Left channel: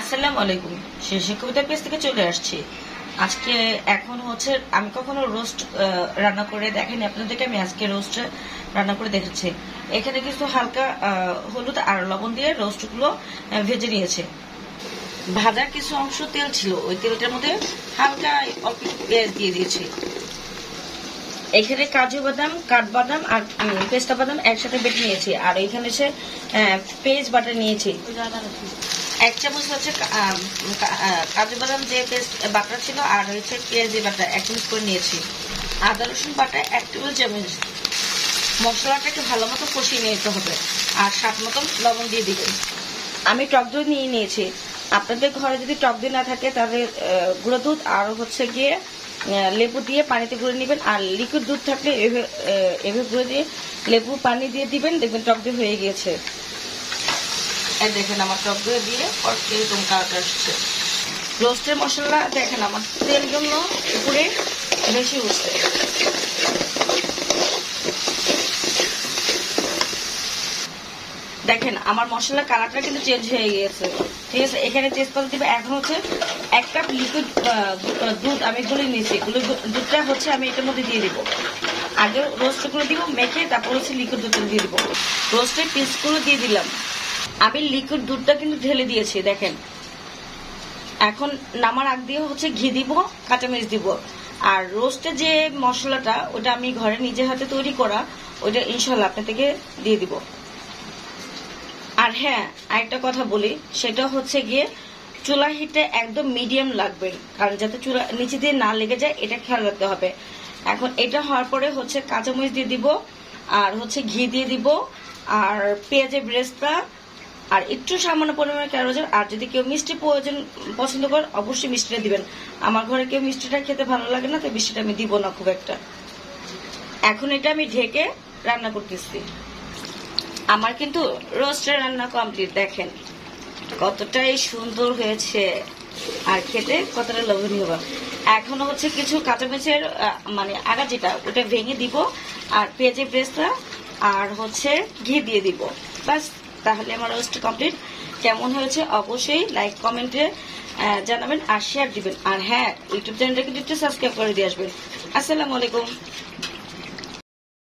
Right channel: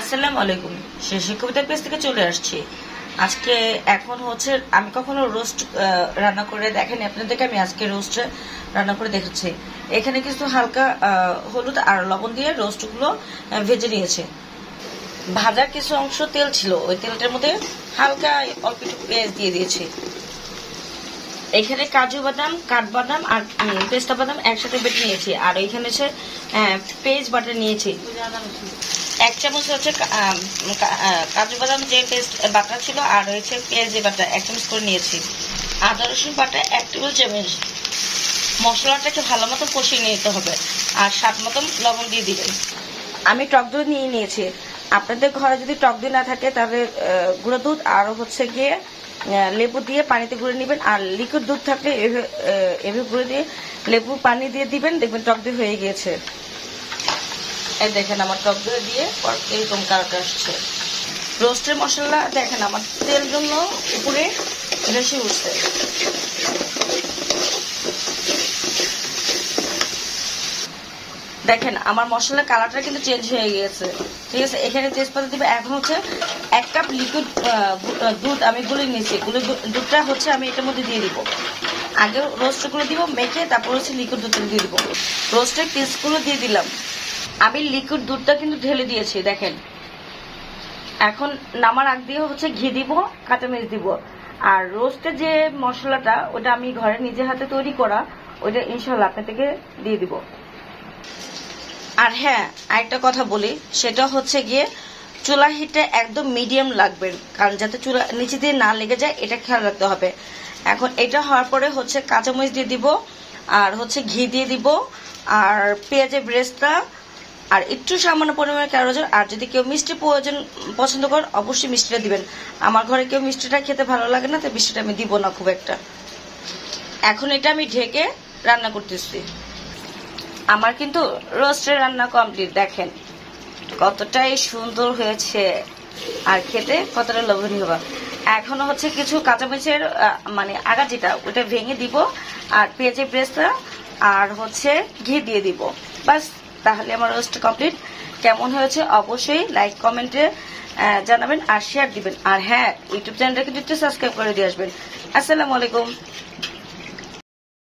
আসসালামু আলাইকুম। শেষে কবিতার পেজ থেকে চলে আসছি। আজকে এখন হচ্ছে আমি কখনো রোস্ট রান্না করে দেখিনি আপনাদেরকে। আমি আজকে রোস্ট রান্না করে দেখেছি। এখানে কিছু হালকা হলুদ আর লবণ দিয়ে রোস্টগুলো ভেজে নিয়েছে। ভাজার কিছু অংশ তেল ছিল, ওই তেলটার মধ্যে হালকা অল্প পেঁয়াজ দিয়ে দিয়েছি। এখানে কাজু বাদাম, কাঠবাদাম আর পেস্তা বাদাম একসাথে বেটে নিয়েছি। আর এখানে হচ্ছে পেস্ট বাটার নিয়েছি। 1 চামচ হচ্ছে কাজু বাদাম যে পেস্ট বাটা ছিল, আর হচ্ছে পেঁয়াজের বাটা 1 চামচ করে নিয়েছি। আদা রসুন বাটা 1 টেবিল চামচ। মশলাটাকে ভালো মতো কষিয়ে নিতে হবে, আর স্বাদ মতন লবণ দিয়ে দিবেন। আমি টক দই নিয়ে নিয়েছি। আপনাদের ঘরে যদি টক দই না থাকে তাহলে গুঁড়ো দুধ আর হচ্ছে গিয়ে লেবু দিয়ে পানিতে গুঁড়ে নেবেন। আর লিকুইড দুধ থাকলে এভাবে গুঁড়ে দিয়ে লেবু পানি দিয়ে দিবেন, দেখবেন টক দই হয়ে গিয়েছে। এই দেখেন আমার টক দই দিয়ে এরকম কালারটা আসছে। রোস্টের মশলা দেখেন আমার তেল জন্য উপরে বেশি উঠছে। দেখেন আমার মশলার কালারটা কিন্তু চেঞ্জ হয়ে গিয়েছে। ঠিক আছে, এখানে তেজপাতা দিবে। এখন হচ্ছে 1 কাপ লিকুইড দুধ আমি গুলে নিয়েছি। দুধটা হচ্ছে আমি এটার মধ্যে দিয়ে দিব। আগে রোস্টগুলো দিব মেখে, তারপর হচ্ছে লিকুইড দুধ দিয়ে দিব। রোস্টের পিসগুলো দিয়ে দিলাম। আমি লিকুইড দুধটা কিন্তু ঢেলে দিয়েছি দেখেন। এখন নামার আগ দিয়ে হচ্ছে ঘি দিব, কাঁচামরিচ দিব। আর রোস্টের যে মশলাটা ওটা আমি ঘরে নিজের হাতে তৈরি করা, ওইটা ইনশাল্লাহ আপনাদেরকে দিয়ে দিব। আর হ্যাঁ, আরেকটা কথা বলি, সেটা হচ্ছে গিয়ে চুলা হিটটা একদম মিডিয়াম লাগবে, কারণ যাতে চুলা নিচে দিয়ে না লেগে যায় এটা খেয়াল রাখতে হবে। এখন এটা হওয়ার পরে হচ্ছে কাঁচামরিচ দিয়ে দিব, আর হচ্ছে ঘি দিয়ে দিব, আর পেঁয়াজের ব্রেস্তা, আর একটু সামান্য পরিমাণে ক্যারোট। আর যদি কেউ মিষ্টি পছন্দ করেন অবশ্যই মিষ্টিটা দিবেন। আমার ঘরে কেউ মিষ্টিটা খেতে ভালো লাগে না, তো মিষ্টিটা আমি দিব না খুব একটা। এখন এটা আমি ঢেকে রান্না করতেছি। আমার কিন্তু রোস্টের রান্না কমপ্লিট। দেখেন কতটাই সুন্দর হয়েছে, আর খেতে কতটা লোভনীয়। এখনো হচ্ছে কিছু কাঁচামরিচের মানে আগা যেটা ওটা ভেঙে দিব, আর পেঁয়াজের ব্রেস্তা আর হচ্ছে ঘি দিয়ে দিব। বাস, তাহলে আমার রোস্ট কমপ্লিট। কেমন হয়েছে অবশ্যই লাইক কমেন্টে জানাবেন আর শেয়ার দিবেন। আর হ্যাঁ, ইউটিউব চ্যানেলটা কিন্তু একটু সাবস্ক্রাইব করে দিয়ে আসবেন। আসসালামু আলাইকুম।